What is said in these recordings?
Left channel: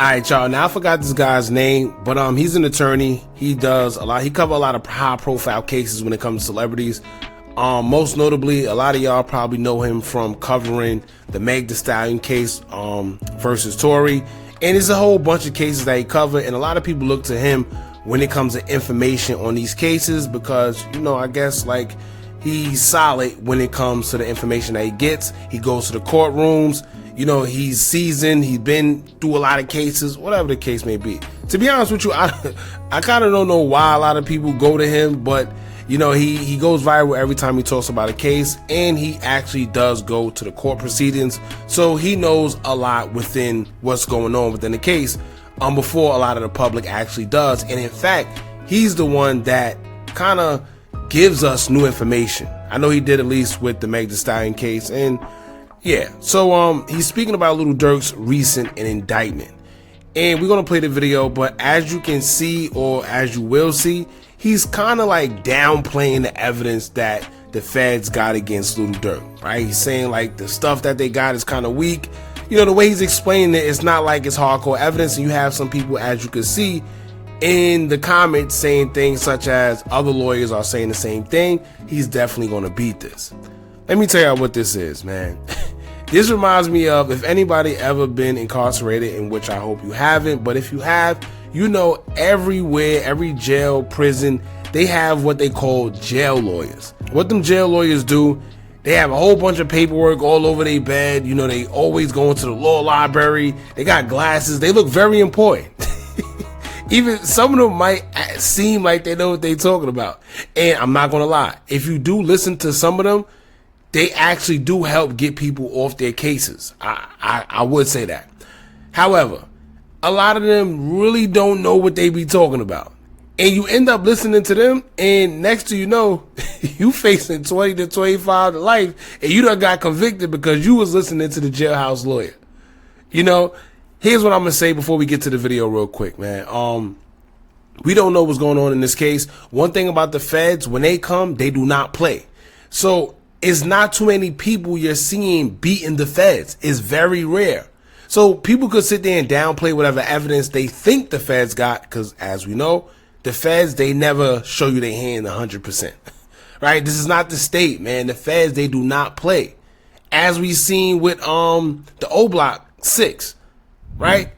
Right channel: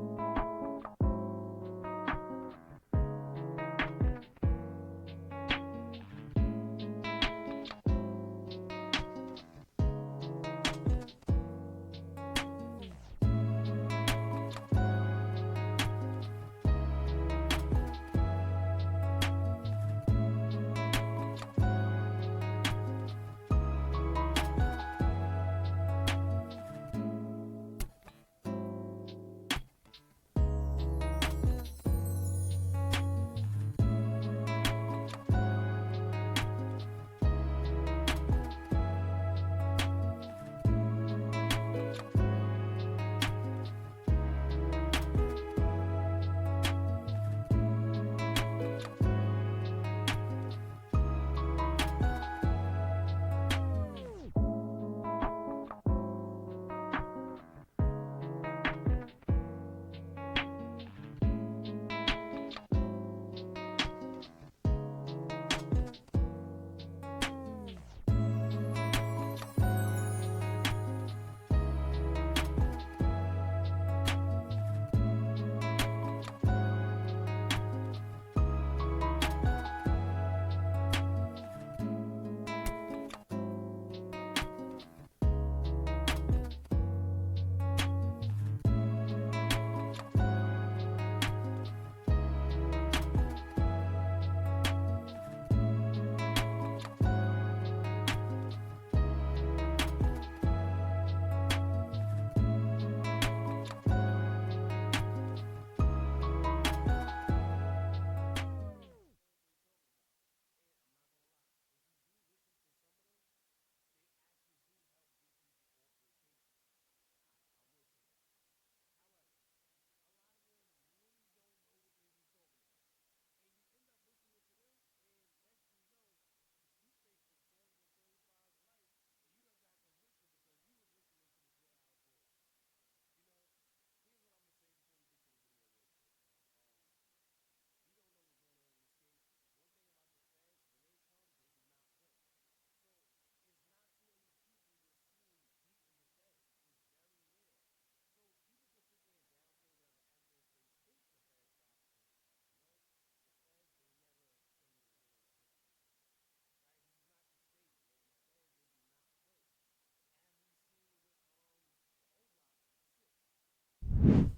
Alright, y'all, now I forgot this guy's name, but he's an attorney. He covers a lot of high profile cases when it comes to celebrities. Most notably, a lot of y'all probably know him from covering the Meg Thee Stallion case versus Tory, and there's a whole bunch of cases that he covered, and a lot of people look to him when it comes to information on these cases because, you know, I guess like he's solid when it comes to the information that he gets. He goes to the courtrooms, you know, he's seasoned, he's been through a lot of cases, whatever the case may be. To be honest with you, I kind of don't know why a lot of people go to him, but you know, he goes viral every time he talks about a case, and he actually does go to the court proceedings, so he knows a lot within what's going on within the case before a lot of the public actually does. And in fact, he's the one that kind of gives us new information. I know he did, at least with the Meg Thee Stallion case. And yeah, so he's speaking about Lil Durk's recent indictment, and we're gonna play the video. But as you can see, or as you will see, he's kind of like downplaying the evidence that the feds got against Lil Durk, right? He's saying like the stuff that they got is kind of weak. You know, the way he's explaining it, it's not like it's hardcore evidence. And you have some people, as you can see in the comments, saying things such as other lawyers are saying the same thing. He's definitely going to beat this. Let me tell you what this is, man. This reminds me of, if anybody ever been incarcerated, in which I hope you haven't, but if you have, you know, everywhere, every jail, prison, they have what they call jail lawyers. What them jail lawyers do, they have a whole bunch of paperwork all over their bed. You know, they always go into the law library. They got glasses. They look very important. Even some of them might seem like they know what they're talking about. And I'm not going to lie, if you do listen to some of them, they actually do help get people off their cases. I would say that. However, a lot of them really don't know what they be talking about. And you end up listening to them, and next to you know, you facing 20 to 25 to life, and you done got convicted because you was listening to the jailhouse lawyer. You know, here's what I'm gonna say before we get to the video real quick, man. We don't know what's going on in this case. One thing about the feds, when they come, they do not play. So it's not too many people you're seeing beating the feds. It's very rare. So people could sit there and downplay whatever evidence they think the feds got, because as we know, the feds, they never show you their hand 100%. Right? This is not the state, man. The feds, they do not play. As we seen with the O Block 6, right?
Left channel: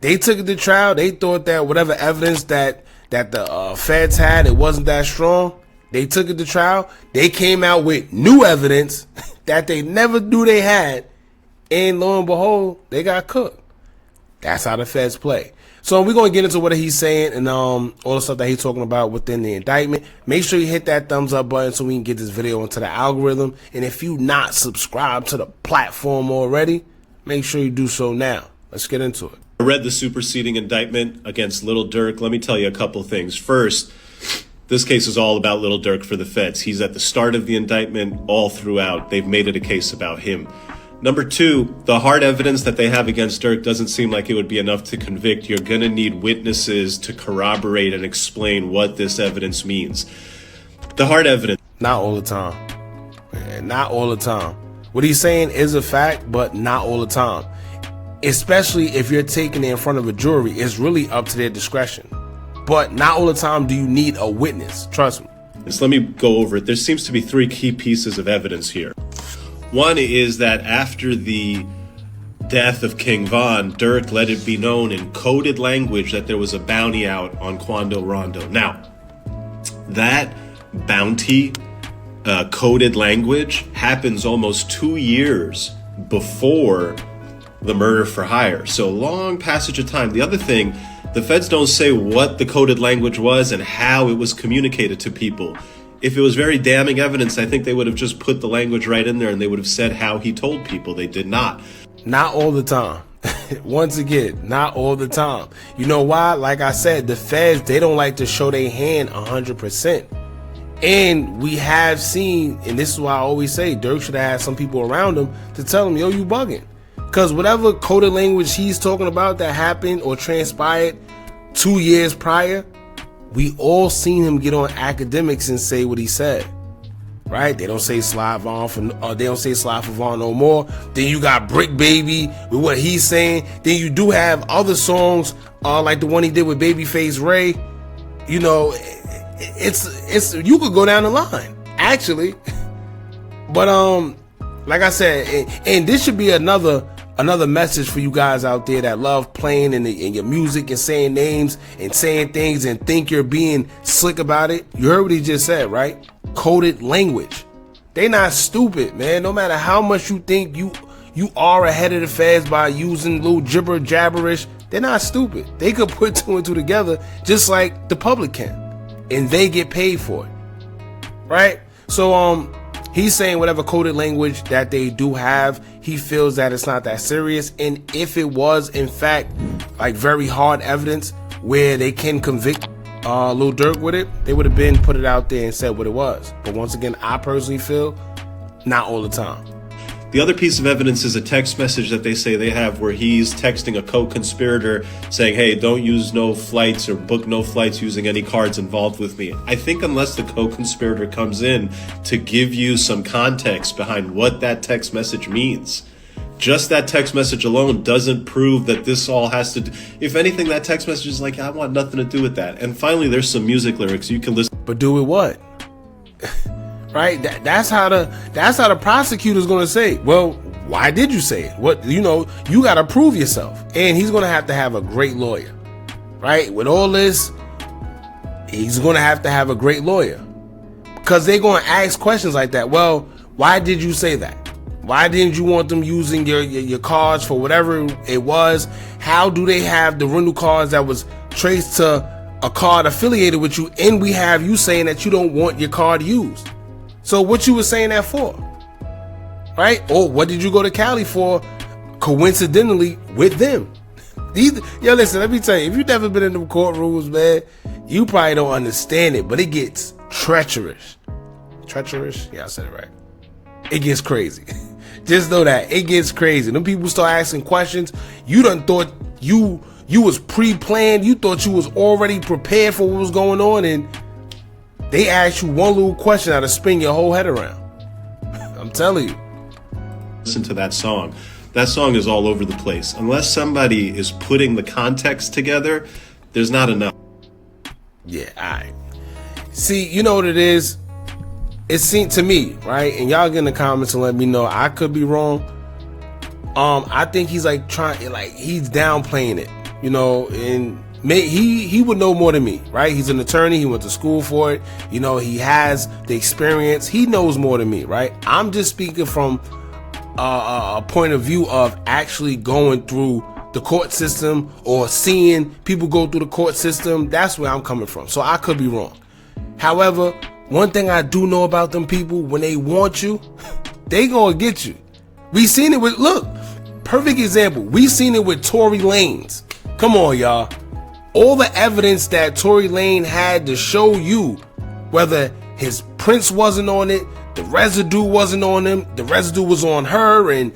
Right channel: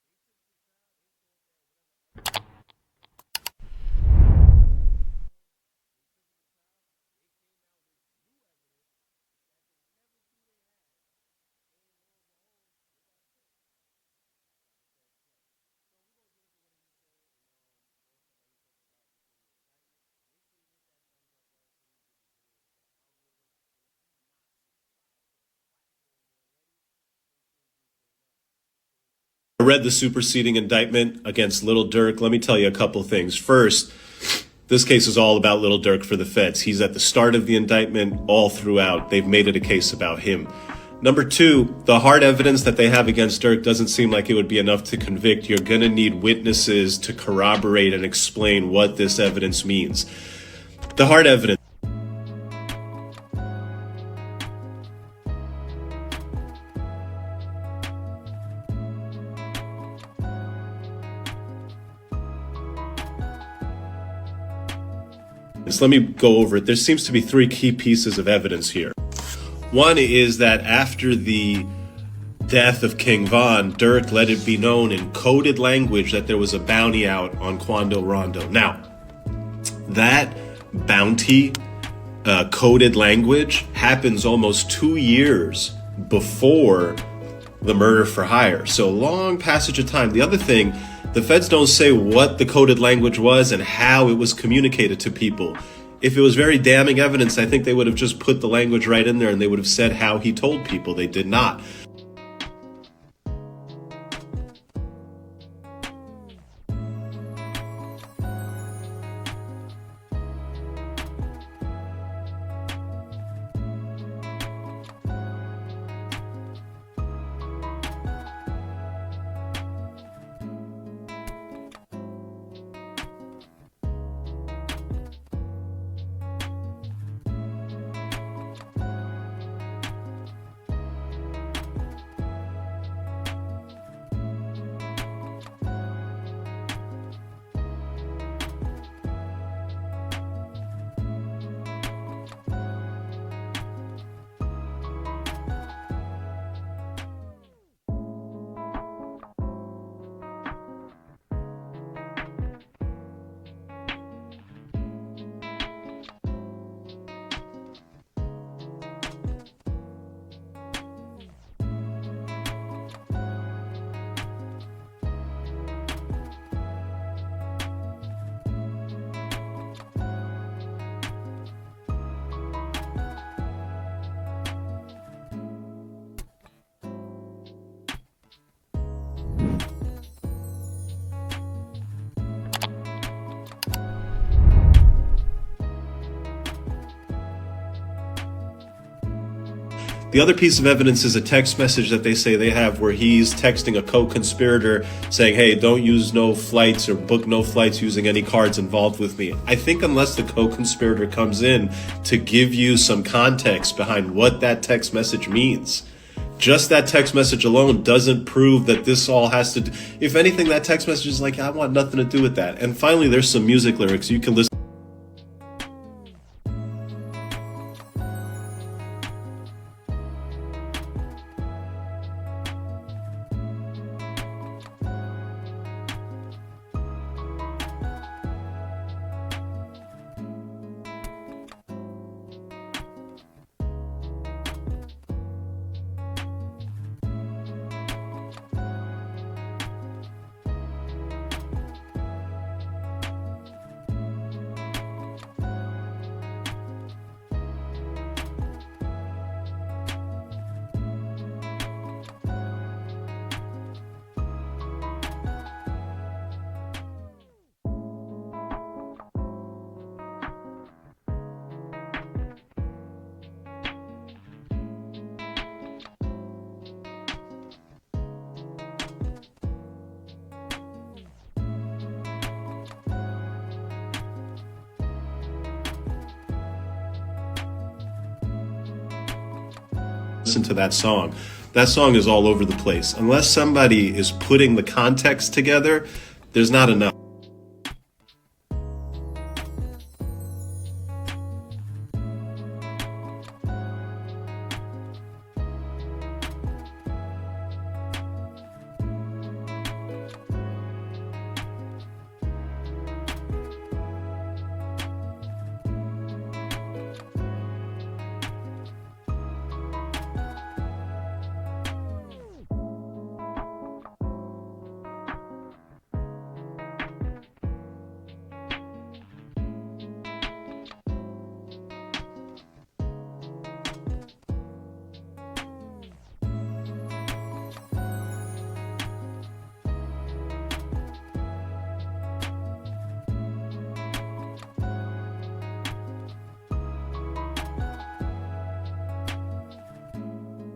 They took it to trial. They thought that whatever evidence that the feds had, it wasn't that strong. They took it to trial. They came out with new evidence that they never knew they had. And lo and behold, they got cooked. That's how the feds play. So we're going to get into what he's saying and all the stuff that he's talking about within the indictment. Make sure you hit that thumbs up button so we can get this video into the algorithm. And if you not subscribed to the platform already, make sure you do so now. Let's get into it. I read the superseding indictment against Lil Durk. Let me tell you a couple things. First, this case is all about Lil Durk for the feds. He's at the start of the indictment all throughout. They've made it a case about him. Number two, the hard evidence that they have against Durk doesn't seem like it would be enough to convict. You're going to need witnesses to corroborate and explain what this evidence means. The hard evidence. Not all the time. Not all the time. What he's saying is a fact, but not all the time. Especially if you're taking it in front of a jury, it's really up to their discretion. But not all the time do you need a witness. Trust me. So let me go over it. There seems to be three key pieces of evidence here. One is that after the death of King Von, Durk let it be known in coded language that there was a bounty out on Quando Rondo. Now, that bounty coded language happens almost 2 years before the murder for hire. So long passage of time. The other thing, the feds don't say what the coded language was and how it was communicated to people. If it was very damning evidence, I think they would have just put the language right in there and they would have said how he told people. They did not. Not all the time. Once again, not all the time. You know why? Like I said, the feds, they don't like to show their hand 100%. And we have seen, and this is why I always say, Durk should have had some people around him to tell him, yo, you bugging. Because whatever coded language he's talking about that happened or transpired 2 years prior, we all seen him get on academics and say what he said. right? They don't say Sly Vaughn they don't say Sly for Vaughn no more. Then you got Brick Baby with what he's saying. Then you do have other songs like the one he did with Babyface Ray. You know, it's you could go down the line actually. But like I said, and this should be another message for you guys out there that love playing in your music and saying names and saying things and think you're being slick about it. You heard what he just said, right? Coded language. They not stupid, man. No matter how much you think you are ahead of the feds by using little gibber jabberish, they're not stupid. They could put two and two together just like the public can, and they get paid for it, right? So he's saying whatever coded language that they do have, he feels that it's not that serious. And if it was, in fact, like very hard evidence where they can convict Lil Durk with it, they would have been put it out there and said what it was. But once again, I personally feel not all the time. The other piece of evidence is a text message that they say they have where he's texting a co-conspirator saying, hey, don't use no flights or book no flights using any cards involved with me. I think unless the co-conspirator comes in to give you some context behind what that text message means, just that text message alone doesn't prove that this all has to do. If anything, that text message is like, I want nothing to do with that. And finally, there's some music lyrics you can listen. But do with what? Right? That's how the prosecutor's going to say, well, why did you say it? What, you know, you got to prove yourself. And he's going to have a great lawyer, right? With all this, he's going to have a great lawyer because they're going to ask questions like that. Well, why did you say that? Why didn't you want them using your cards for whatever it was? How do they have the rental cards that was traced to a card affiliated with you? And we have you saying that you don't want your card used. So what you were saying that for, right? Or what did you go to Cali for coincidentally with them? Yo, listen, let me tell you, if you've never been in them courtrooms, man, you probably don't understand it, but it gets treacherous. Treacherous? Yeah, I said it right. It gets crazy. Just know that. It gets crazy. Them people start asking questions. You done thought you was pre-planned. You thought you was already prepared for what was going on, and they ask you one little question that'll spin your whole head around. I'm telling you. Listen to that song. That song is all over the place. Unless somebody is putting the context together, there's not enough. Yeah, all right. See, you know what it is? It seemed to me, right? And y'all get in the comments and let me know. I could be wrong. I think he's like he's downplaying it, you know, and he would know more than me, right? He's an attorney. He went to school for it. You know, he has the experience. He knows more than me, right? I'm just speaking from a point of view of actually going through the court system or seeing people go through the court system. That's where I'm coming from. So I could be wrong. However, one thing I do know about them people, when they want you, they gonna get you. We seen it with, look, perfect example. We seen it with Tory Lanez. Come on, y'all. All the evidence that Tory Lanez had to show you, whether his prints wasn't on it, the residue wasn't on him, the residue was on her, and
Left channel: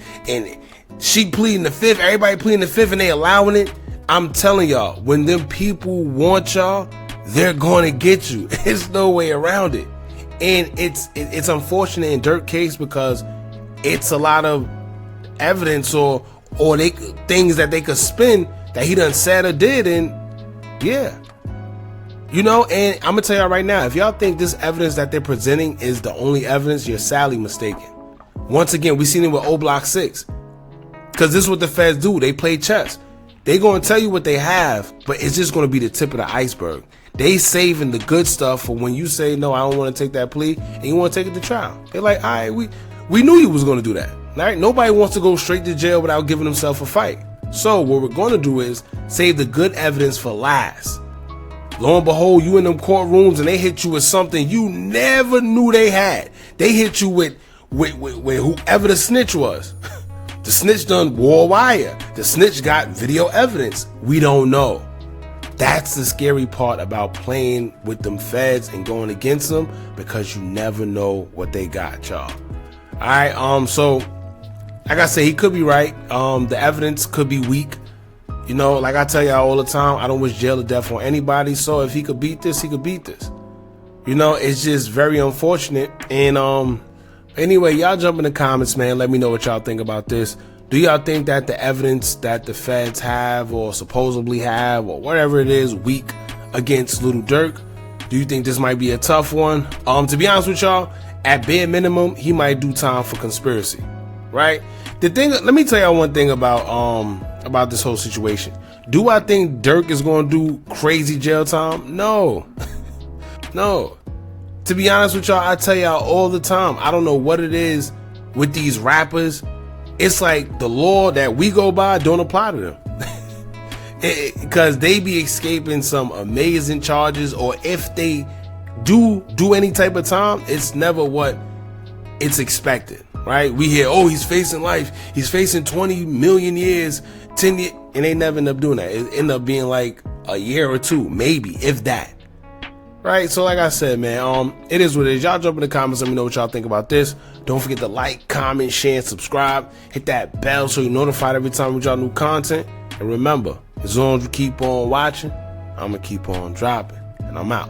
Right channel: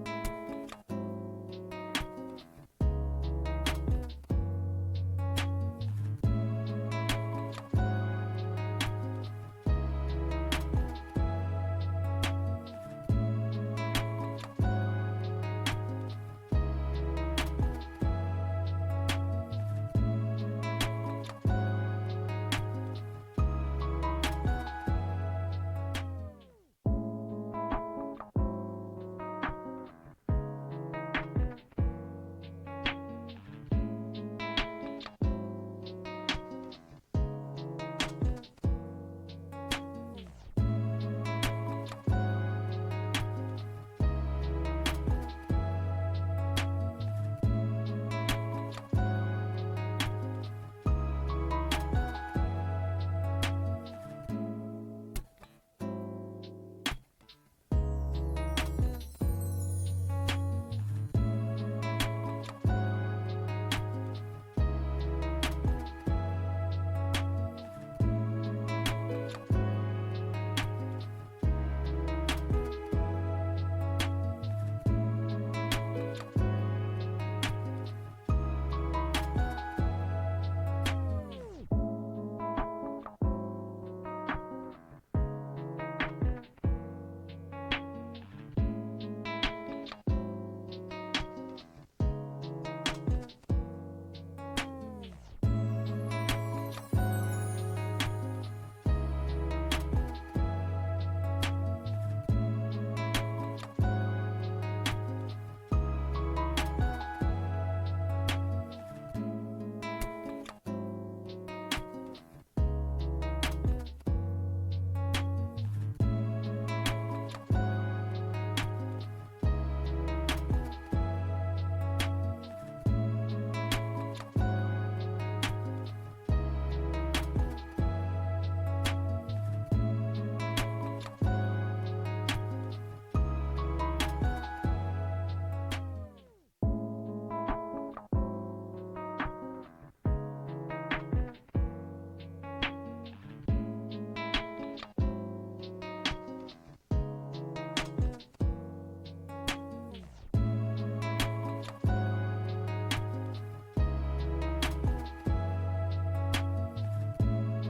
she pleading the fifth, everybody pleading the fifth, and they allowing it. I'm telling y'all, when them people want y'all, they're going to get you. There's no way around it. And it's unfortunate in Durk case because it's a lot of evidence or things that they could spin that he done said or did, and yeah. You know, and I'm gonna tell y'all right now, if y'all think this evidence that they're presenting is the only evidence, you're sadly mistaken. Once again, we seen it with O Block 6. Because this is what the feds do. They play chess. They gonna tell you what they have, but it's just gonna be the tip of the iceberg. They saving the good stuff for when you say, no, I don't want to take that plea, and you want to take it to trial. They're like, all right, we knew you was going to do that. All right? Nobody wants to go straight to jail without giving themselves a fight. So what we're going to do is save the good evidence for last. Lo and behold, you in them courtrooms, and they hit you with something you never knew they had. They hit you with whoever the snitch was. The snitch done wore wire. The snitch got video evidence. We don't know. That's the scary part about playing with them feds and going against them, because you never know what they got, y'all. All right, so like I said, he could be right. The evidence could be weak. You know, like I tell y'all all the time, I don't wish jail to death on anybody. So if he could beat this, he could beat this. You know, it's just very unfortunate. And anyway, y'all jump in the comments, man. Let me know what y'all think about this. Do y'all think that the evidence that the feds have or supposedly have or whatever it is weak against Lil Durk? Do you think this might be a tough one? To be honest with y'all, at bare minimum, he might do time for conspiracy, right? Let me tell y'all one thing about this whole situation. Do I think Durk is going to do crazy jail time? No. No. To be honest with y'all, I tell y'all all the time, I don't know what it is with these rappers. It's like the law that we go by don't apply to them. Because they be escaping some amazing charges, or if they do any type of time, it's never what it's expected, right? We hear, oh, he's facing life, he's facing 20 million years, 10 years, and they never end up doing that. It end up being like a year or two, maybe, if that. Right? So like I said, man, it is what it is. Y'all jump in the comments, let me know what y'all think about this. Don't forget to like, comment, share, and subscribe. Hit that bell so you're notified every time we drop new content. And remember, as long as you keep on watching, I'm gonna keep on dropping. And I'm out.